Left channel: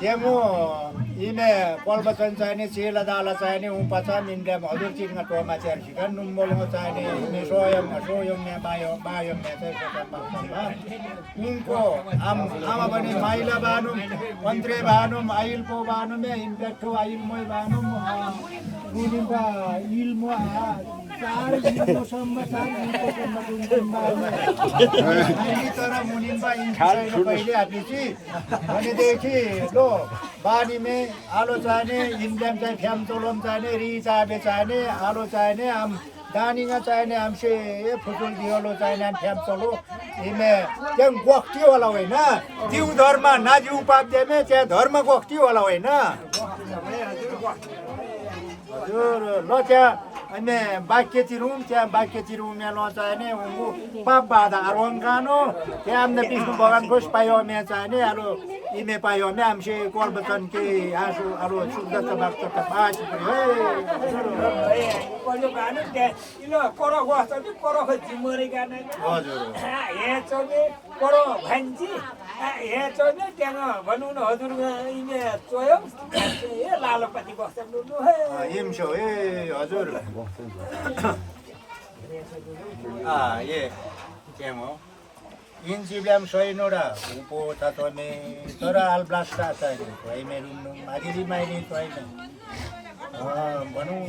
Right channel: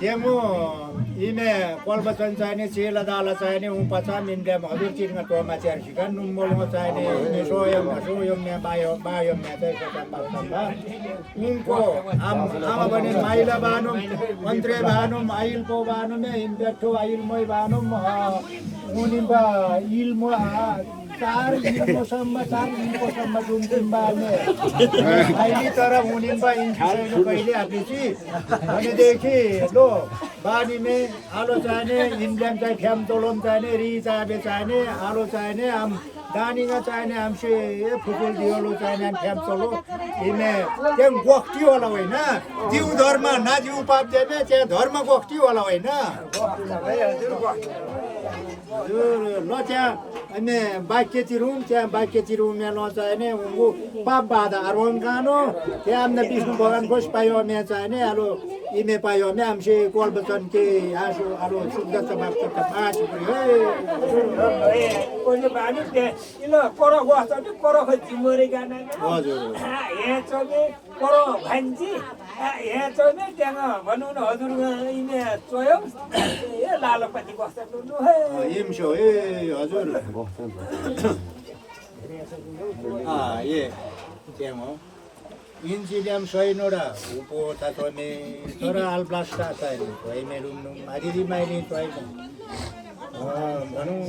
Temu ime kolbatan चाहिने चेला दाला चाहिने उपाचा मिन्ड्या हजुर चिरगा टोमा च्यार्सिका नुम्बोलमा चाहिने ime सोयम मे बायो मे चाहिँ सचन बाक्सम्बा उनको आमा भने माइला बानुम मन्त्रे बानुम आइल पो बानुम इम्प्याक्टो आइल मोय बानुम उनिबा इल मो चार इल्मोसम्म जुन अहिले तर उनिबा इन्साइनो पहिले आपिछि भनेदेखि लो बानीमे आलो चाहिने इन्डियन चाहिँ फ्याम तोलम चाहिने रि चाबे चाहिने आलो चाहिने आम दानिगा चाहिने हमसे फुटुल दियोलो चाहिने फ्याम तोलो इमे त्यहाँ गोक्टी होला होइन जीव धर्म ना जीव पाप देमे त्यहाँ धर्म गोक्टी होला होइन हजुर ल त्यहाँ अनि बाक्य तिरुम त्यहाँ बाक्य तिरुम ल चाहिने उङ्गु पाप बाधा अरवंगानो त्यहाँ आम्दा विष्णु भगवान को पायो मे चाहिने आलो इमे पायो मे हमसे कोलबतन के आसो आलो शुद्ध तबाक तक बाज हे कोले बानु के इलो कोरो बस्छ नि कोरो खै मरे गाने हजुर हे चोबी कोरो भन्छ हे चोबी त्यहाँ भन्नु न हजुर इमे चोयो ए लालपति बस्छ नु इमसो ए हजुर ये त्यहाँ इन्सिब्ल्याम सोइनोरा उpo तातोमे तोरा अल्ब्लास्टा चाहिँ भाइ मेरो मादिदी माइली चाहिँ भनौँ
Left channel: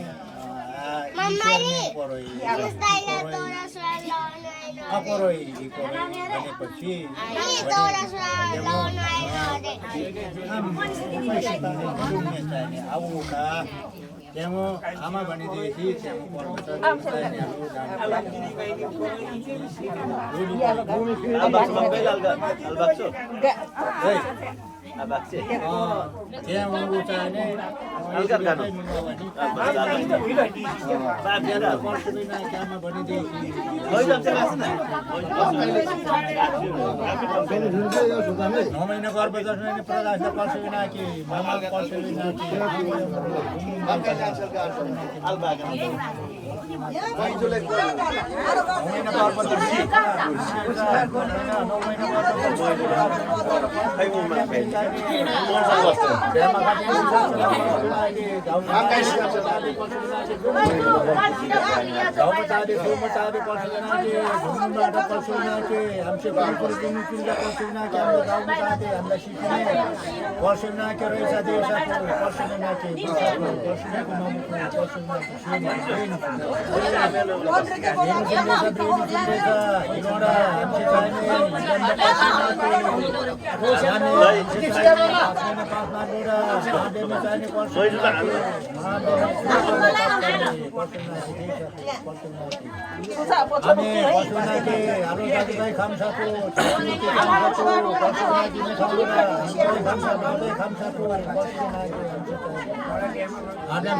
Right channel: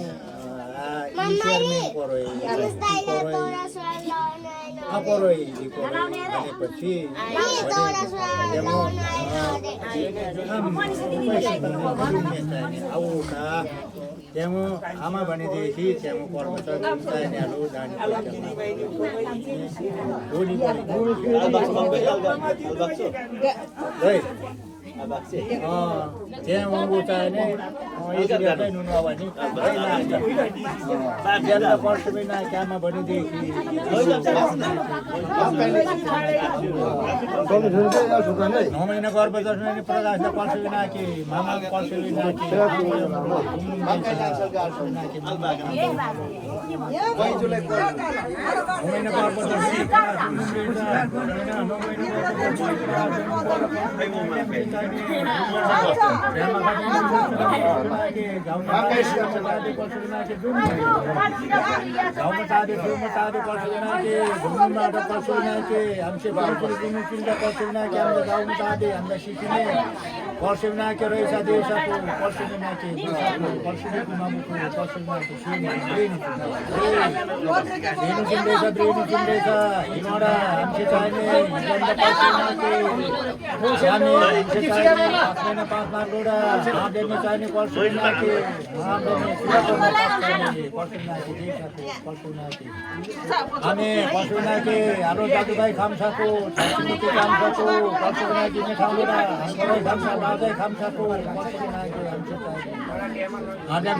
भनेपछि आउका त्यहाँ आमा भनेदेखि त्यहाँ पर्वत त्यहाँ उ चाहिने आमा भनेदेखि नौ महिना गर्भ जस्ने प्रकाश पल्सुना कि मामा पल्सुना कि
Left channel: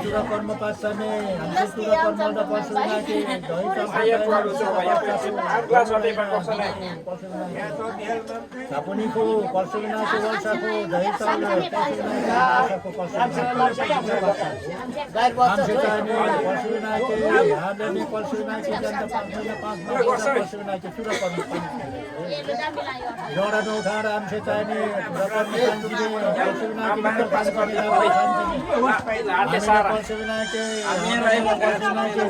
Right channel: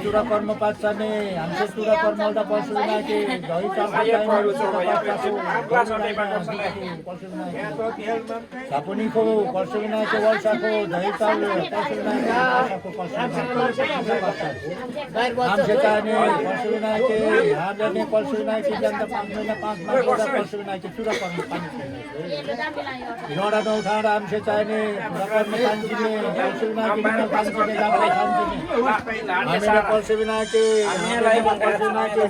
चुरा कर्म पाच्ने हमसे चुरा कर्म पशुना के दही सापुनी को पशुना के वर्षा को दही चावल पशुना के आशा को हमसे चाहिए पशुना के हाले पशुना के जनता 5 पशुना के चुरा कर्म रोडा न उठाएर हमसे चाहिए पशुना के पशुना के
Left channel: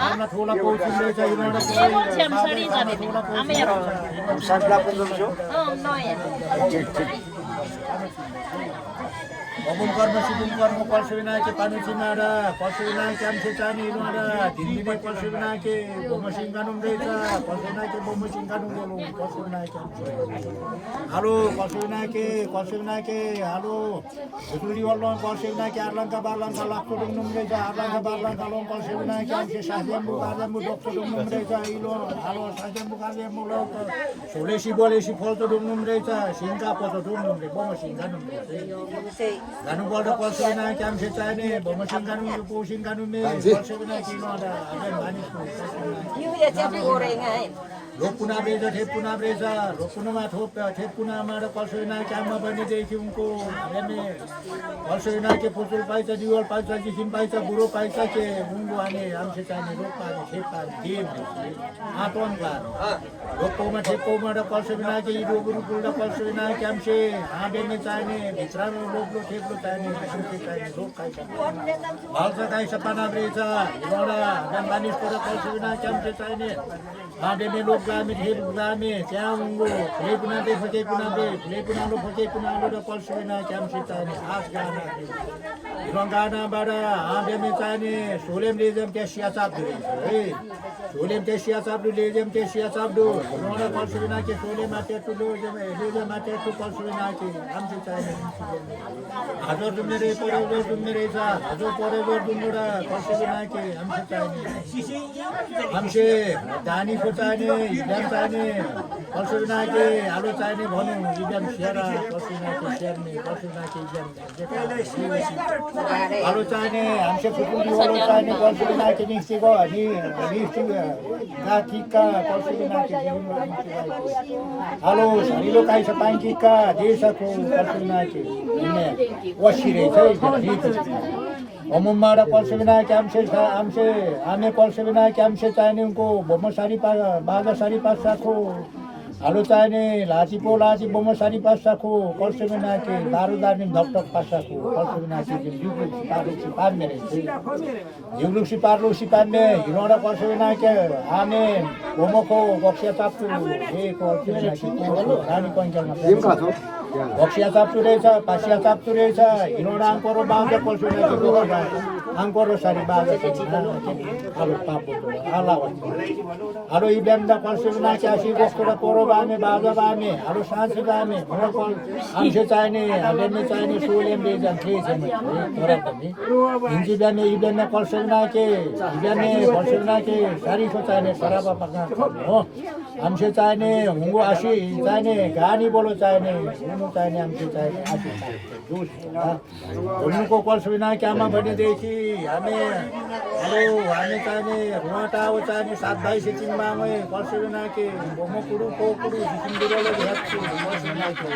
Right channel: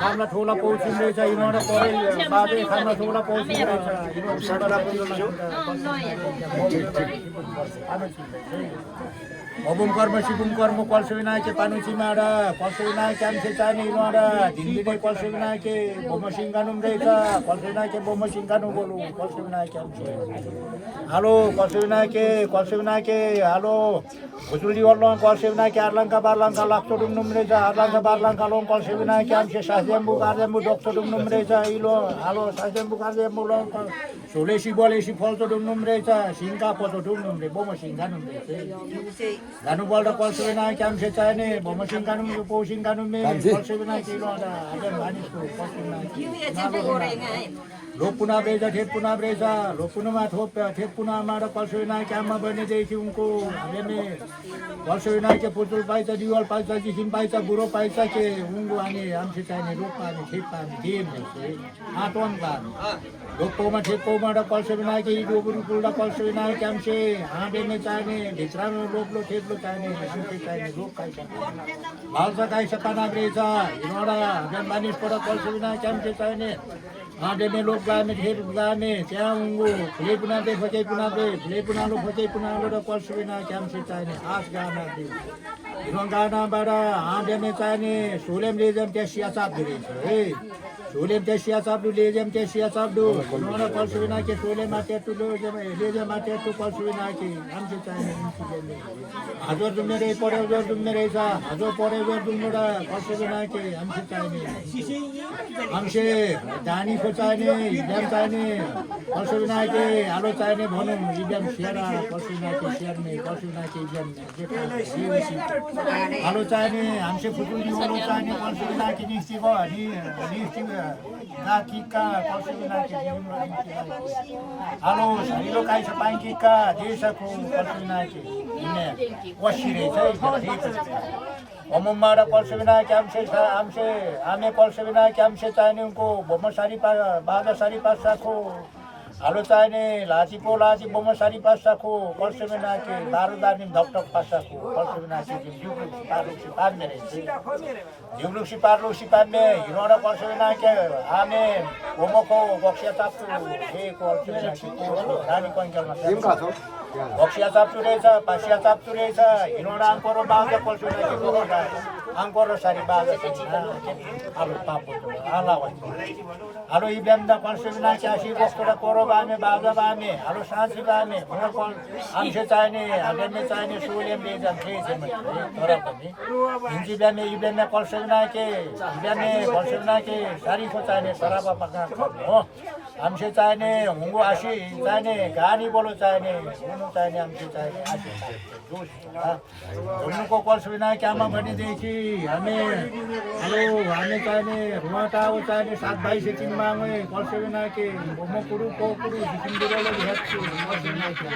खाना थोड़ा पहुँचने चाहिए खाना थोड़ा पहुँचने अबुल कर्म सिबुल कर्म पल्सुना के पानी चिमाडा पल्सुना के हमसे चाहिए इनोडा दिल्ली पल्सुना के बोमसिंगानुम रहेगा पल्सुना के बोमसिंगानु बोलू पल्सुना के हेलो पल्सुना के हेलो भुजुली वालों पल्सुना के आरलंका बारलंका लाखो दुम रहेगा आरलंका बारलंका लोग पल्सुना के हमसे साजेम्बु गाजेम्बु डॉक्टर दुम रहेगा इलो हेलो साजेम्बु गाजेम्बु लोग सोलेसी बोलेसी फल तो दुम रहेगा सिंगा पतो दुम रे बोमसिंगानुम रहेगा Ganu bolda kolso na kam se chane bomasing kanu posing kanu me kolso na kilo ada ajan manis tu kolso na लोपुना बेजा ठेपुना बेजा लोपुना मा थोप ठेपुना मारा कलसुना क्यामा बने देखि उनको हामीले कलसुना के पुतुल पाइछ दिवाल पाइछ जिसिन पाइछ बुरो पाइछ के उनको आने हमसे चाहिने रोप पानी ठेप पानी दिएन है आटोन पानी लोकोमा ठेपोमा र कलसुना के इदो गुरु पुल्डा कलसुना के हमसे आडे में चाहिने भित्रा में लोपलो ठेपलो चाहिने हमसे चाहिने रोप खाइछ भालसा खाइछ पाना बेजा इरोडा गन मानिस पर कलसुना के हमसे चाहिने आडे में लोप गामे ठेप गामे त्यहाँ उनको फुले पुना बे फुले पुनालो र कलसुना के हमसे चाहिने आस गाना दे रंगाना बारा आडे में चाहिने सोलेम लेजम तेसिया चाप दे है सोलेम तेसिया चाप लेजम तेसिया चाप दो उन्होंने कलसुना के सोले माते तो लो जब लेजम माते तो कलसुना के हमसे चाहिने हजुर तुम मेरे परेजर तुम मेरे सा हजुर परेजर तुम मेरा कलसुना के हमसे चाहिने हमसे दानी को चाहिने इदम चाहिने कलसुना के आलो चाहिने भनु इदम शेरा कलसुना के शेर में कलसुना के इदम आलो चाहिने हमसे फुटुली वालो चाहिने कलसुना के निश्चय को निश्चय गाकिका कलसुना के जीवन आलो शरीरो काई सपांकिका देशको कलसुना के इने वशिरे चाहिँ जीत अमुमारा कलसुना के हमसे आमे कलसुना के हमसे चाहिने उनको बोमसारी बाजा सारी पासा को आलो चाहिने लाची बोमा सारी पासा को कलसुना के दारुदार धकटक पासा को कलसुना के जिउलुक्सी पार्ने हिरोडा कलसुना के आमे बोमको बक्सिया चाप्चु ए कलसुना के खानी कन्जलमा बक्सिया चाप्चु रहेछ पासिया चाप्चु रहेछ हिरोडा आङ्कोरो बाजा कलसुना के आङ्कोरो सारी बाजा आलो पापो आला आलो इब्यामदा कलसुना के आसी गोस्टोरा कोरो बामे बाजा बामे आलो साँची बामे कल आमसे चाहिने हालेमे चाहिने सोलेम बेजाम फेसेम तर पनि हिन्जी ब्यामे इब्यामे कलसुना के इब्यामे कलसुना के सारीको चाहिने सराबा पका हो हमसे चाहिने हुँगो आसी चाहिने गानी बोलो चाहिने हुनु चाहिने हमसे चाहिने आसी धुम्नुको कलसुना के आमा भनेदेखि हामी चाहिने रुवाटाओ चाहिने 7 भाइ सिटिङमा कलसुना के बोमो कुरु को कुरु जिसिङ बिरलो भेट्छु कलसुना के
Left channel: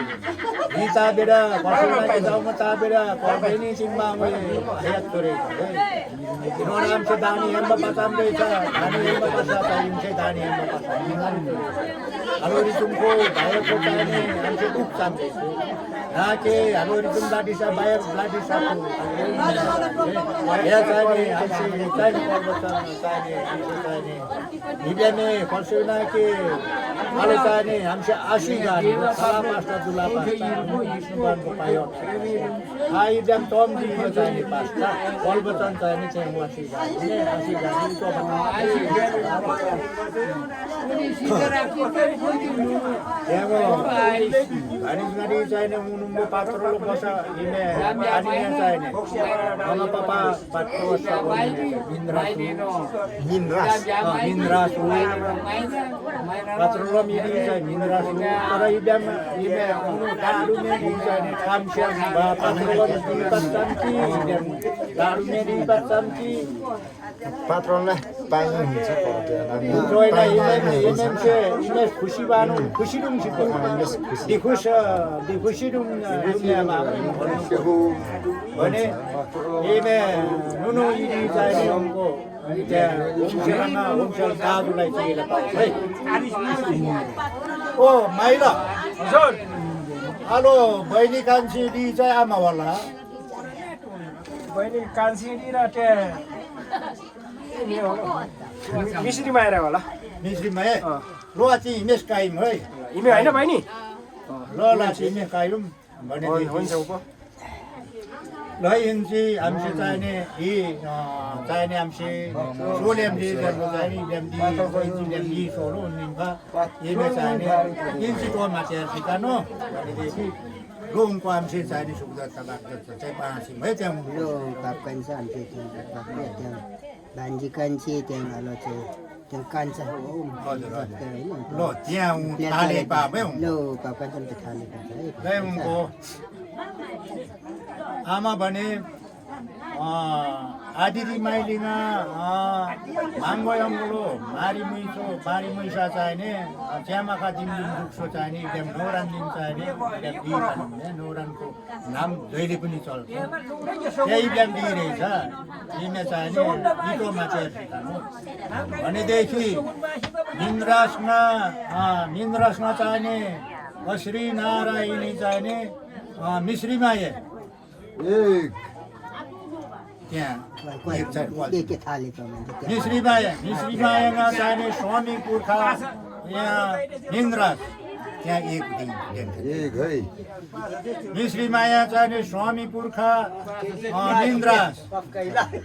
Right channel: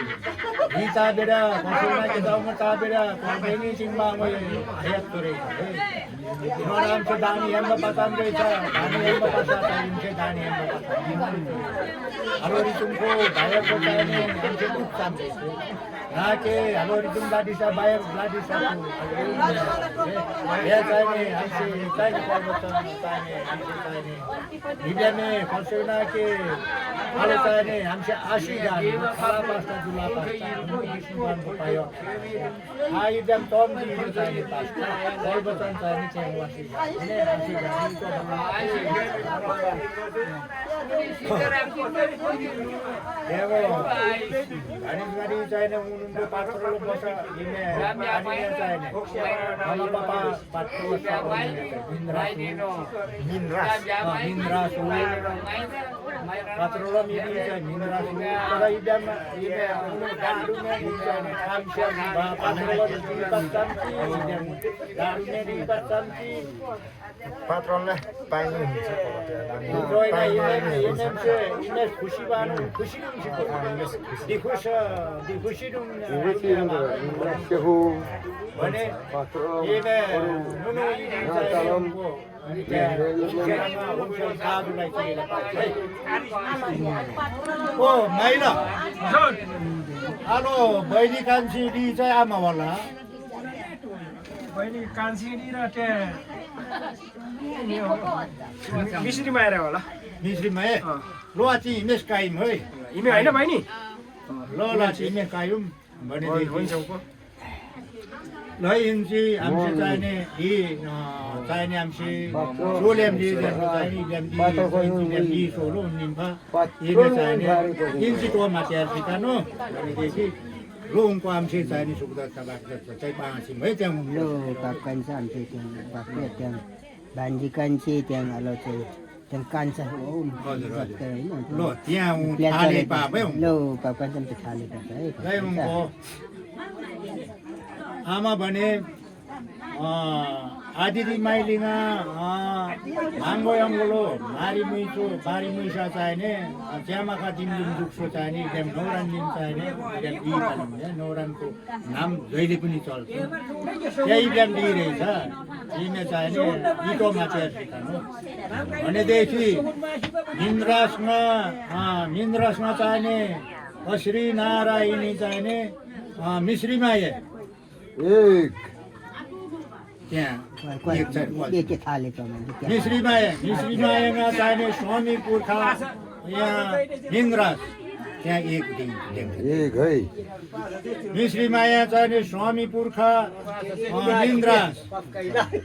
भिता बेडा कलसुना के जाउमा ता बेडा कलबैनी सिङमा भेट तोरे इनोरा हमसे दानी हेम्बा पाताम रहेछ दानी हेम्बा पासा चाहिन्छ दानी हेम्बा पासा हलोरी तुमको भाइको चाहिने हमसे दुख चाहिन्छ राके हलोरी तुम लाडिसा बायर लाडिसा या चाहिने हमसे चाहिने पर्वत चाहिने हिब्यामे कलसुना के आलो चाहिने हमसे आशी गानी सारा पास्ता दुला पास्ता विष्णुबानको पायो आई जम तम दिनु चाहिने पास्ता पर्वतन चाहिने चाहिँ आशी गानी Demo, garis चाहिने उनुम्बो पात्रो बसा इने आनिया चाहिने nama papa patro sa mindras patro lo mi say mindras tara idam ime unu daru me di say amsha ba patro lo di patanti idam daru me di patanti patron lah pain हुन्छ joy na ime se ime खुशी बानु खुशी दुम सिको खुशी दुम दुनियामा भने इने मुनु इदि चाहिँ उनको उनको दाजुलाई चाहिँ है ओ माइला हेलो बहिनी कान्छी दि चाहिँ आमा होला बहिनी कान्छी दि र मिश्री माया होला मिश्री माया लो आछि इमेज काइम है इमे हैन बहिनी ल ल इमे काइम भने हुन्छ उप ल इन्ची हमसे चाहिने हमसे सोलेम दि चाहिने इब्याम दि सोलो निम्फा इमे चाहिने इन्ची तो माथि सिकानो भनेदेखि लो उनको हमसे चाहिने सुविधा छ बात गर्छ चाहिँ पाँचिम है त्यहाँ लो बाप कान्छ हमसे बापले त्यहाँ भान्जी कान्छी त्यहाँ आलो चाहिँ त्यहाँ कान्छ हजुर ल त्यहाँ थाले पापै लो बाप कान्छ त थाले पाछ है उनको आमा भने आदिदी माइलिङा माङ्गो अङ्गलो मारी मुइसा चाहिने च्यामाका दिन दुख्सो चाहिने इब्याम नौरान दिन चाहिने इब्याम इ भन्ने नौरानको नाम जहिले पनि चल्छ त्यही इब्याम दिइरहेछ यिने चाहिने इटोमा चेयर सिकानु भनेदेखि निन्द्रासमा चाहिने श्री नारायणी चाहिने मिश्रीमाये त्यहाँ के थालेको मान्छे मिश्रीमायामा चाहिने स्वामी पुर्खा यहाँ निन्द्रास त्यहाँ एक दिन मिश्रीमाया चाहिने स्वामी पुर्खा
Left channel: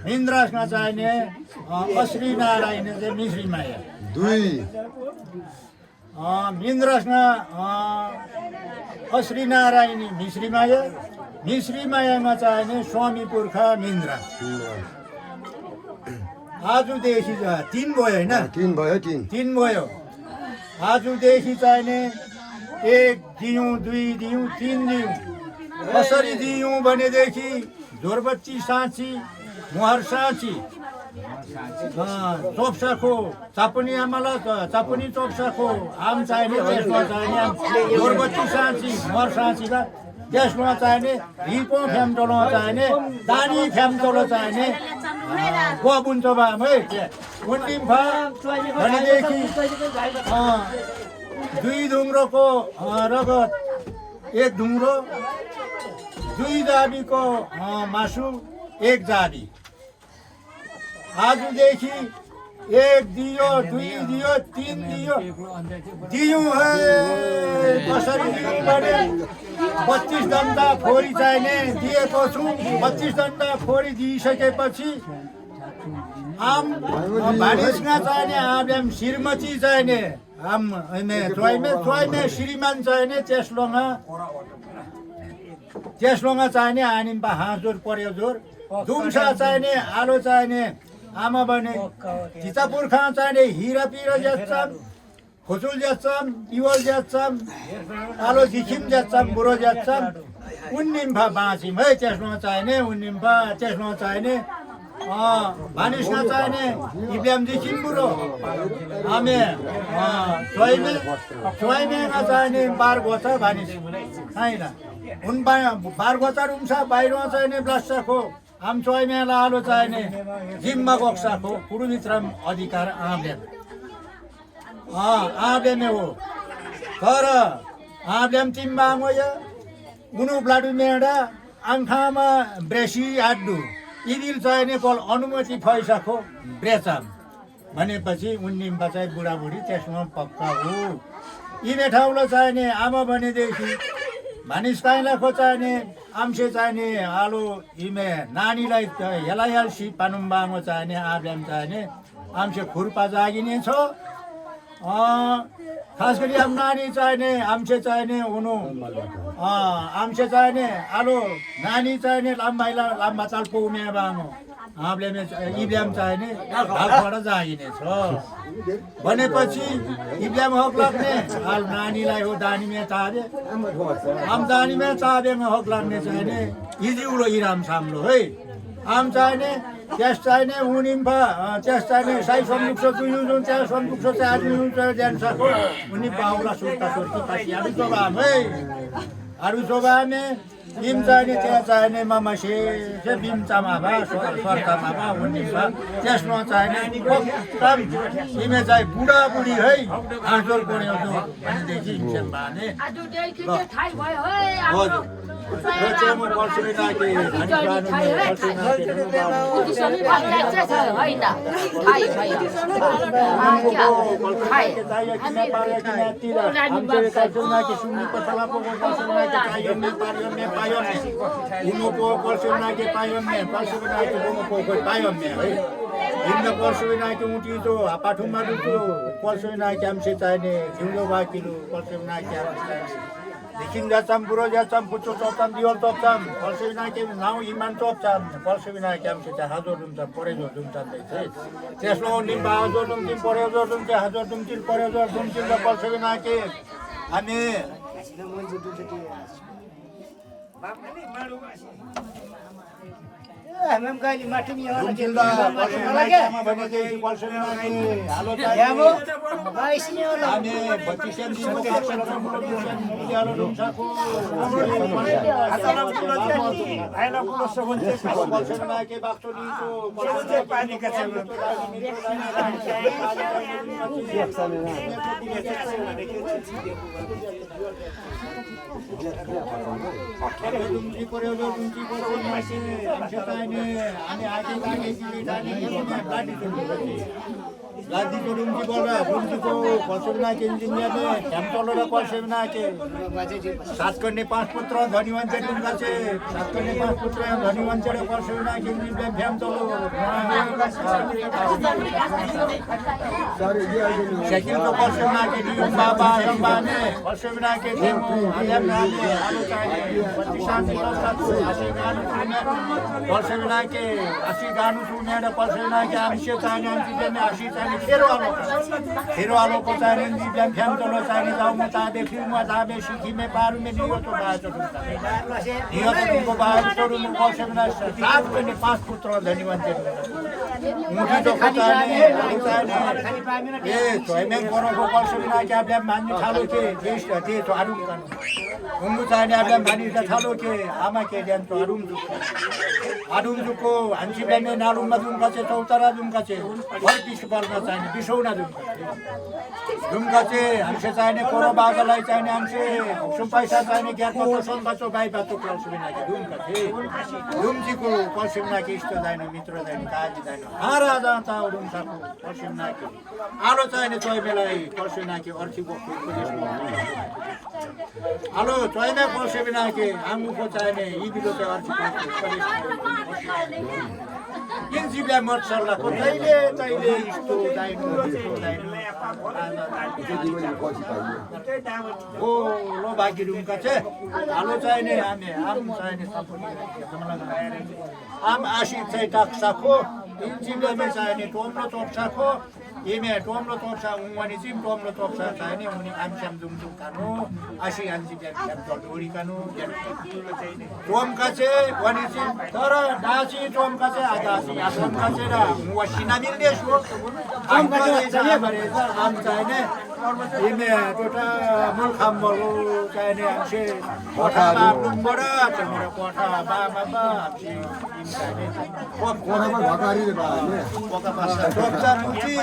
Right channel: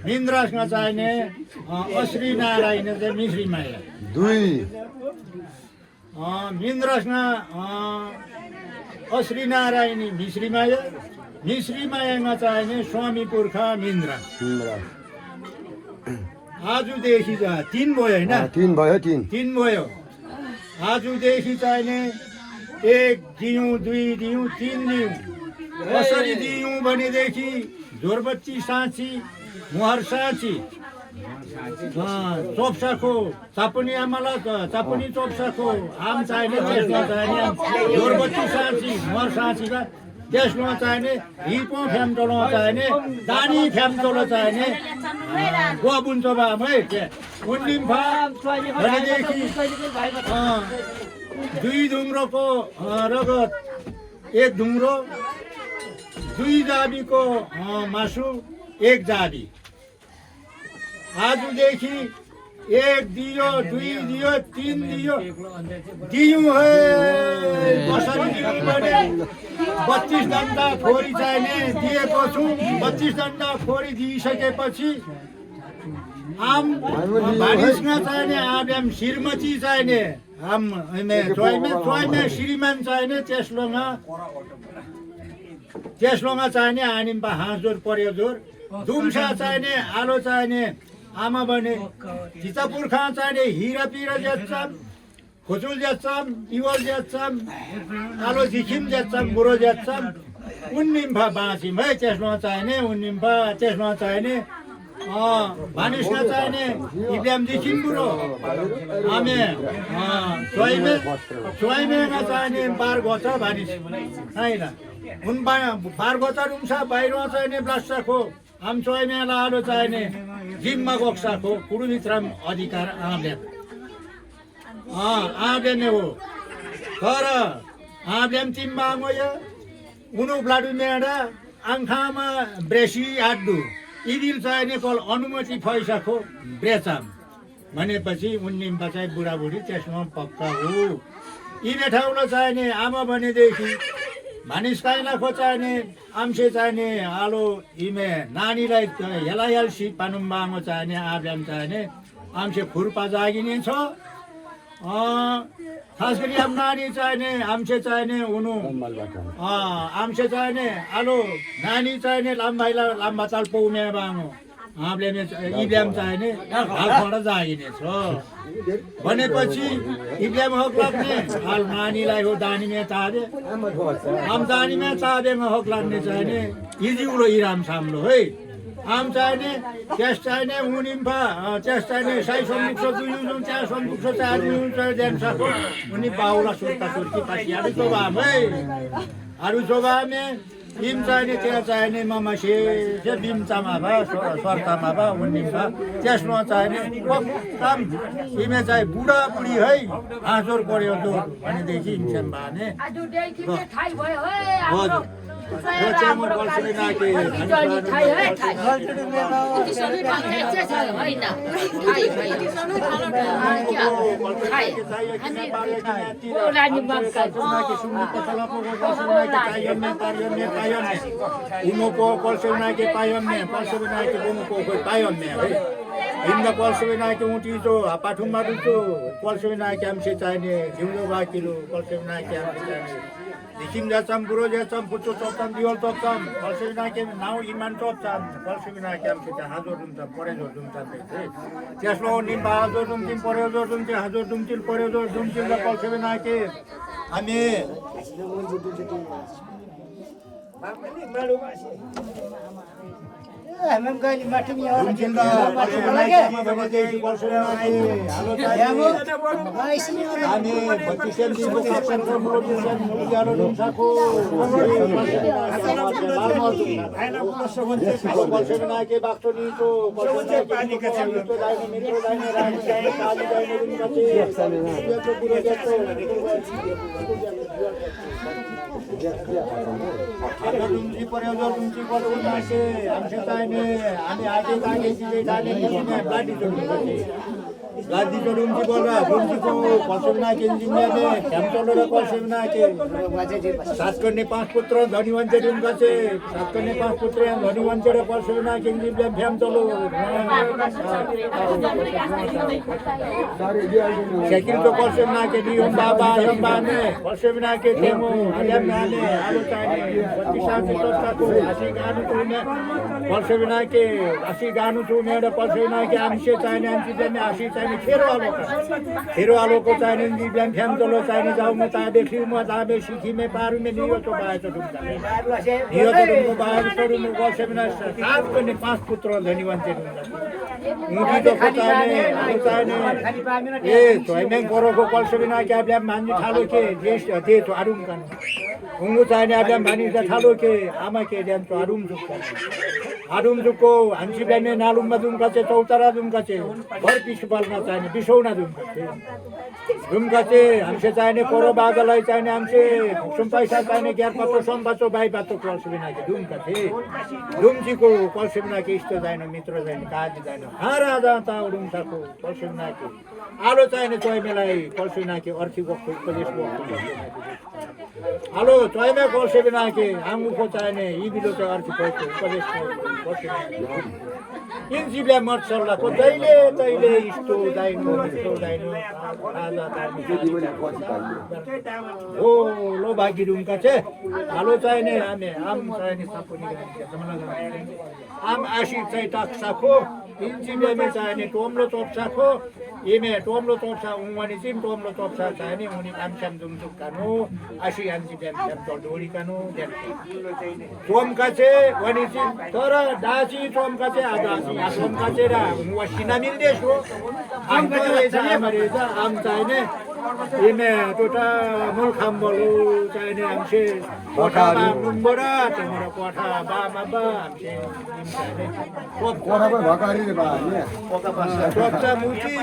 निन्द्रासमा चाहिने अश्री नारायण चाहिँ मिश्रीमाया निन्द्रासमा अश्री नारायणी मिश्रीमायामा चाहिने स्वामी पुर्खा निन्द्रा आजदेखि 3 भयो होइन 3 भयो आजदेखि चाहिने 1 दियौँ 2 दियौँ 3 दियौँ कसरी दियौँ भनेदेखि जोरबत्ती साँची मुहार साँची चोप्साको चापुनी आमालाई चापुनी चोप्साको आम चाहिने त्यसमा चाहिने जोरबत्ती साँची मुहार साँचीमा त्यसमा चाहिने हिपो फ्याम्टोलो चाहिने दानी फ्याम्टोलो चाहिने गुवाबुन्छ बामै उन्निम्फा भनेदेखि 2 ढुङ्ग्रोको रगत 1 ढुङ्ग्रो 2 जाबीको मासु 1 जाबी आजदेखि 1 दियो 2 दियो 3 दियौँ है कसरी दियौँ भने 25 डन्डा फोरी चाहिने दिएको छु 25 डन्डा फोरी दिइसकेपछि आम भानिसमा चाहिने आब्याम श्रीमती चाहिने आम चोइमे श्रीमान चाहिने त्यसलोङा चाहिने आनिम्पा हाँसजोर पर्योजोर दुम्सा चाहिने आलो चाहिने आमा भने चिता पुर्खा चाहिने हिरा पिरा ज्याच्छाम खोचुल ज्याच्छाम इवल ज्याच्छाम आलो झिखिम ज्याच्छाम बुढो ज्याच्छाम उन्निम्फा बाँचिम है त्यसमा चाहिने उन्निम्फा त्यसमा चाहिने भानिसमा चाहिने इब्याम झिखिम बुढो आमे चोइमेमा चाहिने 12 गोचा भानिस होइन उन 12 गोचा रुम्सा बाहिरमा चाहिने ब्लास्टाको आम चोइमेला आलो चाहिने जिम्मा गोक्साको कुरुभित्रम अधिकार आब्याम हो तर आब्याम तिम्बाङोया उनु ब्लाडु मेडा आङ्खामा ब्रेसी आड्डु इदिल चाहिने कल अनुमति फैसाको ब्रेचाम भनेपछि उन्निम्पा चाहिँ बुढाबुढी त्यसमा पक्का हो यिनै ठाउँलाई चाहिने आमा भनेदेखि मानिस काइला खोचाइने आम्से चाहिने आलो इमे नानीलाई हेलाइहाल्सी पानुम्बाङो चाहिने आब्याम चाहिने आम्से खुर्पा जागिने छ खास गरी अब नानी चाहिने आम्से चाहिने उनु आम्से चाहिने आलो नानी चाहिने लाम्बा चाल पौमे बाङो आब्याम इब्याम चाहिने हालखडा जागिने छ भनेपछि इब्याम हक लाग्ने हाल नानीलाई हो दानीमे चाबे आम दानीमे चाबेमा हक लाग्ने चाहिने इजिउलो इराम साम्लो है आम चाहिने त्यस चाहिने उनिम्फा त्यस चाहिने साई सम्मुख दुई त्यहाँ सम्मुख चाहिँ ज्यान्साको उनी बाउला सुर्ता सुर्ती पछि अरू चोबाम है अरू चोबामे इम चाहिने त्यहाँ चाहिने मामासे बिम चामा भा सर्तामा भा उनिम्फा त्यसमा चाहिने कम इमे चाहिँ बुढाबुढी है हाँसोर पऱ्यो भनेदेखि इन्सेम भने हजुर हिँड्दा पर्सोनाके उठितो पाठुमारुतो पर्सोनाके आमसे चाहिने झिउँदो बाकिलो पर्सोनाके आमसे चाहिने देखिन जाच्छाम बुढो जाच्छाम पुच्चो चोप्छाम दिवल चोप्छाम पर्सोनाके नाउ इमान चोप्छाम पर्सोनाके आमसे चाहिँ हाजो दुम्छाम परेजो दुम्छाम त्यसमा निम्बा हाजो दुम्थिम परेजो दुम्थे हाजो दुम्थिल परेजो दुम्थिल र पर्सोनाके हामी हामी गाली माथि नि आउन रुम्चिल र पश्चिममा भने चाहिँ पर्सेनाके हालो यामो चाहिँ गाइस नि आउन हामी 32 दिनको पर्सेन्ट मुजियालो रुम्साको आइला प्लस भन्छ पर्सेनाके बाक्टोनीको पर्सेनाके पानीका छेउमा रुम्ची पर्यो रुम्ची पर्यो मासे हामी चाहिने हामी आगे आगे चिले जाने लादी को रुम्ची बोल रहा रुम्ची को पर्सेना के इंजीनियर ने हम चलो रे पर्सेना के सात करने 5 पुत्र धनी वंचे रुमका से सात करने 5 पुत्र धनी वंचे रे पर्सेना के इंजीनियर हम चलो शकील तो पर्सेना के नियम बाबा में पर्सेना के डेमो आलम नामे आलू चाहिए 25 साल से तो को आशी गानु तो में पर्सेना के आशी गानु तो में पर्सेना के आमसे चाहिए आमसे में आशी चाहिए खेरवालो को चाहिए बिहान फ्यान तलो चाहिए जाऊ म ताबे खिउ म ताबे सिखी में पारू में नियो तो बाज तो नियो तो को बाज तो म वर्ष में सात कने 5 पुत्र धनी वंचे मुठी तो चाहिए आलू चाहिए ए तो मैं करो को वर्ष में ना क्या बिहान मान्ने थालो के देश दे तो आरुम कान उंगु चाहिए बिहान मानि थालो के आमा के देन तो आरुम जुको हंसी बिहान में नालुम मदुम का से चौतारा दुम का से भर पिस बलना चाहिए बिसौना दुमका चाहिँ हमसे चाहिने कोरो बाजालाई चाहिने हमसे सुम पैसा चाहिने ग्यार पत्र सोम बच्चो बाई बातो कलसबिना के दुमका चाहिँ दुमजीको कलसबिना के इष्ट चाहिने मित्र चाहिने काजी चाहिने राजा ता दुमसाको कलसबिना के आलो चाहिने चोइमेलाई कलसबिना के अर्थीको उपदेशको आलो चोइमे कलसबिना के आंगुको चाहिने इबिलो चाहिँ अर्थीको उपदेशको इन्जिबिया मर्सल्लाको दैले दैले इस्तो दाइनो हो लो भागी रुमका चाहिँ हालो चाहिने हामी आम चाहिने सापुनी आम आशी चाहिँ टाक्साको इन्जिबियामे चाहिने टोम्लो टोप्साको इमे टोम्लो टोप्सा उमाने चाहिँ टोम्लो टोप्सा चाहिने उनी आमस्याम दुमजुम कानु आशी इन्जिबिया फ्याम तलडोरी कानु टोमका चाहिँ वनी चाहिँ तर दासी टोमका चाहिँ आदासी टोमका चाहिँ वसिना मिल्दै छु आम चाहिने इमे टोटा मूल खाम्बलो चाहिने हमसे कोठामा नुम्बरा चाहिँ कोठा बामा बा हमसे इम चाहिने कोठा भकारी रे बाले कोठा पासा कोठा मुची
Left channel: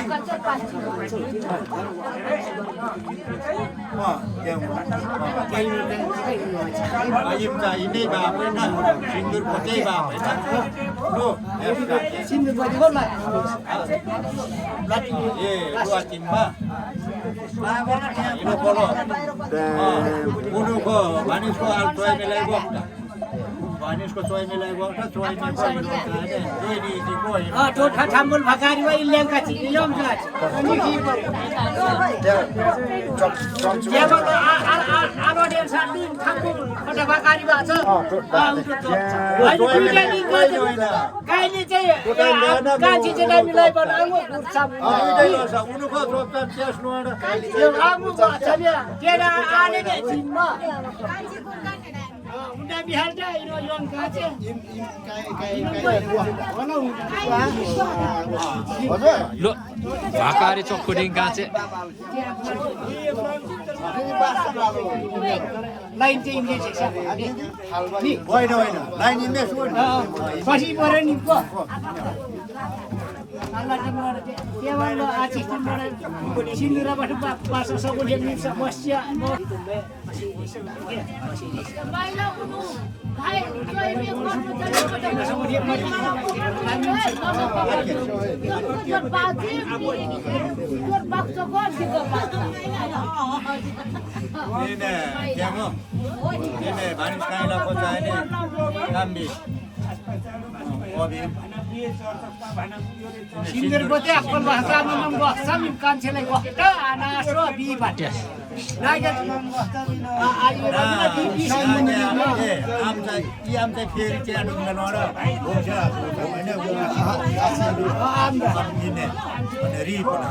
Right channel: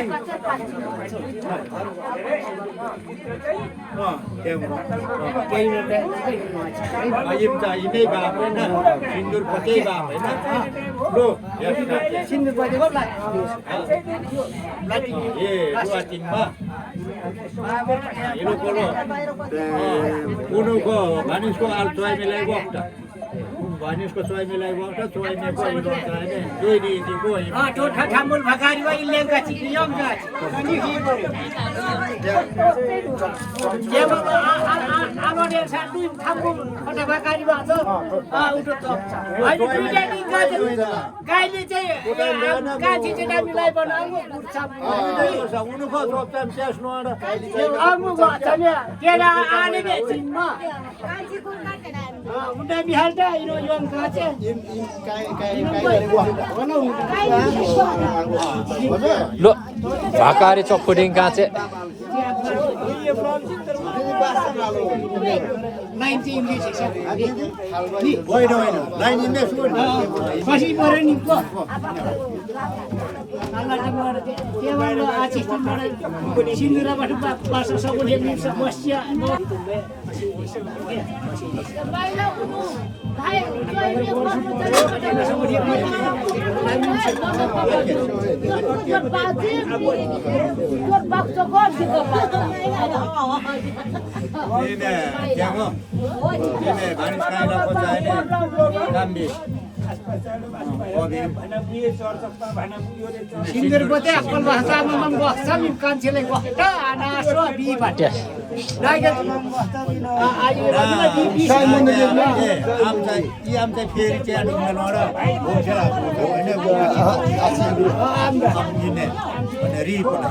इम चाहिँ इमे बा हैन सिन्दुर पते बा हैन लो सिन्दुर पते गर्ला ए दुआतिनमा इनो कोलो उनुको भानिसको आल तोय मिलाई बक्ता भानिसको तोय मिलाई बक्ता तोय मे को इनो हैन दुई दिनको तो ठाम्बुल भकारी वा इलेंगा छि नियम जाछ केवल आलोडे साथी ठाम्बुल खटा भकारी वा छ उठो त हैन दुईटा दिन गाइले चाहिँ कान्छी चाहिँ मिलाई बनाउनु गुर्छा उनुको सोप्ताम स्यास नोडा आउनु छने केला आने ने जिनमा उन्डा बिहाल्दा इनो योन काचे लो भाकारी चोखुडिङ काचे लाइन चाहिँ इन्डेक्स छ नि होइन लाइन इन्डेक्स हो पछि परे नि को Allah Akbar. Kemal aci timana sindura batu bahasa sabu dia ni semuanya. Baiklah unu. Hai, joy me Sindir bote akal bahasa memang bahasa mimkan sila wakta anaso bibat. Naga ayo lagi di sini am tai फेरि चाहिँ आडुङ नरा बोला हैन am दिने भने report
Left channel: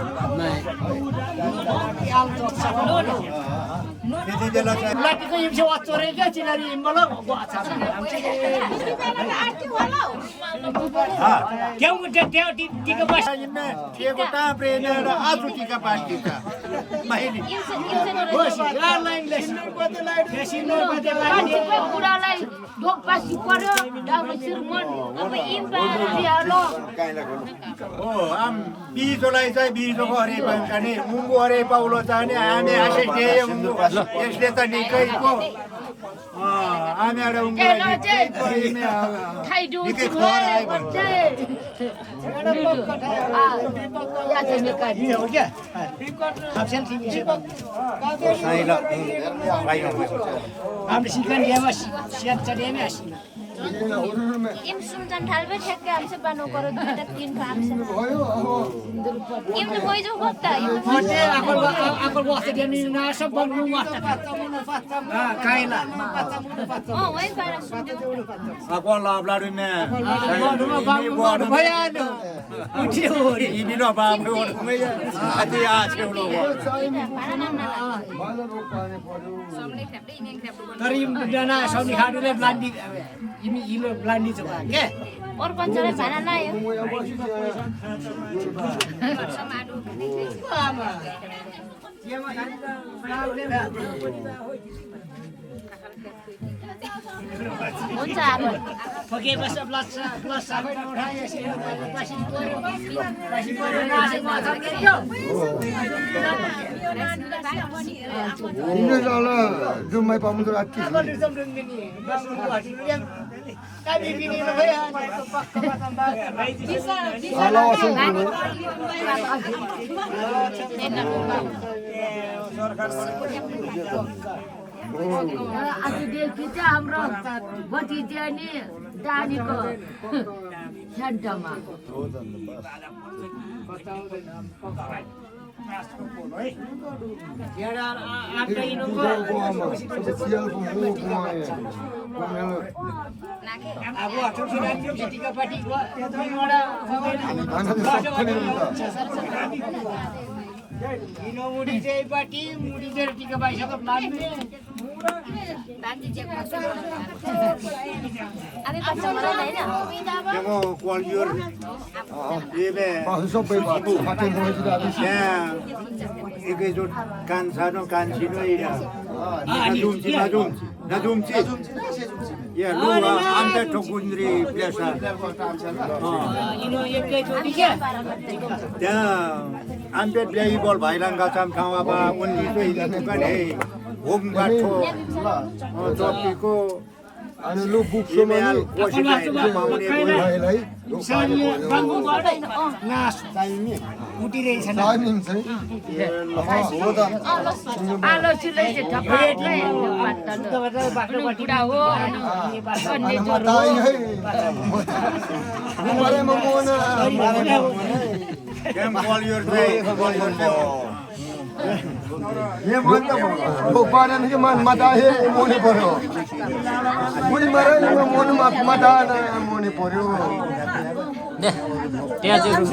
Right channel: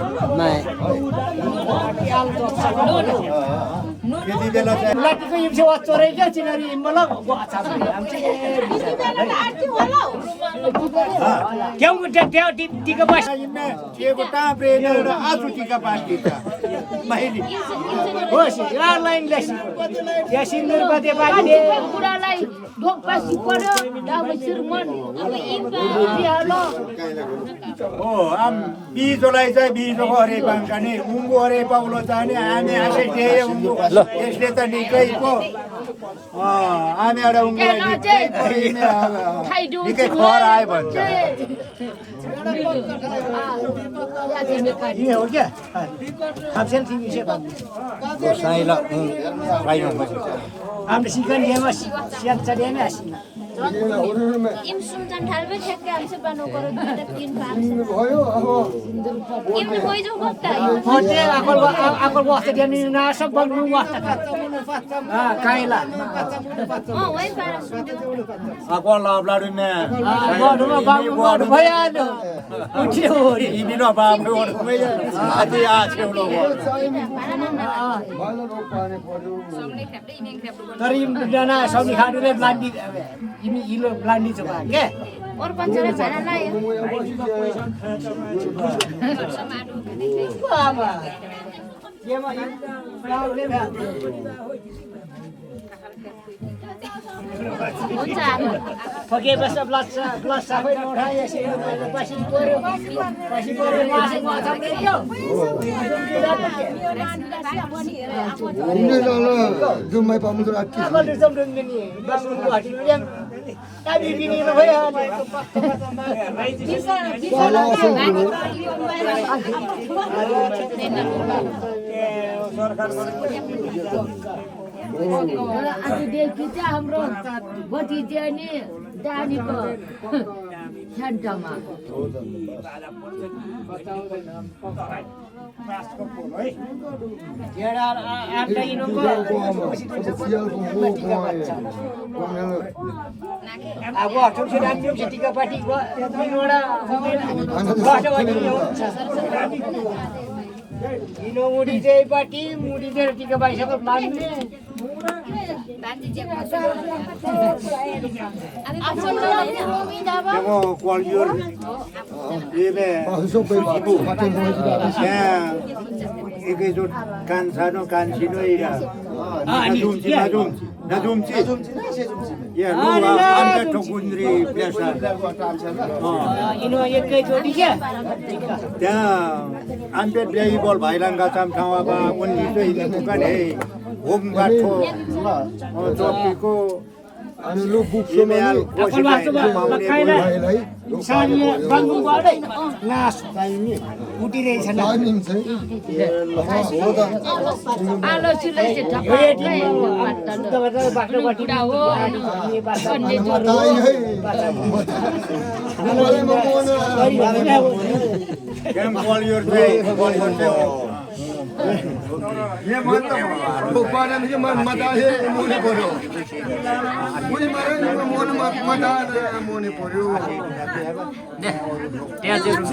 यति बेला चाहिँ लाटीको यो सेवा चोरेको चिनारी मलाई गछ हामी क्यों त्यो टिका बस टिएको टाँप्रे र आजु टिका पार्टीका माइली होस् लाइन लेसी या सिन्दुर बजे बाटे बुढालाई ढोकपासी पर्यो अब श्रीमान अब इम्पालो हो आम बिजोलाई चाहिँ बिजोको हरे पाङ्का नि उङ्गो हरे पाउलो चाहिँ हामी आशै दिए उङ्गो यसले त निकै पो हामी एउटा उङ्गोलाई निकै खर आयो भन्छ हो क्या खाप्सेल तिमी से हाम्रो सिकन ल्यामा सियान चढेमै आसिना इम सुनजन ढालबे ठेक्के हमसे बनो करो दुईटा तीन भाग इम कोई जो होता है फोटे आकल वास्ते दिने ना सब बन्नु वास्ते काइला वही बारा सुन ako lablaru me गर्नुमा बाबु भएन उठ्यो रे ini no babu oru me ati a cheulo तर जना सब्जी खानुले ब्लान्डी इमी इलो ब्लान्डी छ भा के और पञ्चले भाडा लायो आमा हुन्छ अब फके बस प्लस सबै उठाए पछि पर्यो नासे माछा दियो Ini adalah Jumai Pamudra Ati. apa dusum dungini babu hati yang kami bini lo ya Kalau asal dulu, आज देखि चाहिँ हाम्रो भतिजा नि डालीको सेन्टरमा जेडा आटा इनको sial pun अब अठौँ से राख्यो टिका पार्टी एउटा इनो मुडी चाहिँ पार्टी मुडी चाहिँ टिका पाइसक्यो मान्ने Temo kualior ibe masuk pe babu, macam mana tidak ada. ya ike jod kan sano kan sino ira nadumci ya lu anda tokundri biasa इनो एकैचोटि के त्यहाँ आम्पेट ल्याई बल भाइलाङ्गा चाम ठाउँमा बा उनी चाहिँ दुकान हे होम गाठो जतिको Anu lu buk email semua Koshi पाउने ni, सानी बाङ्गु बाडै नास उठिरहेछ ना timing saya. हो त आलो चुलै चाहिँ ढकाल्दै बाटोबाट हो mata ini. Boleh membunuh. केम कुवालियर चाहिँ Ini mana? Bukan ini mata ini muni poro. Muni marah muni mata ini muni poro. त्यहाँ चाहिँ रुम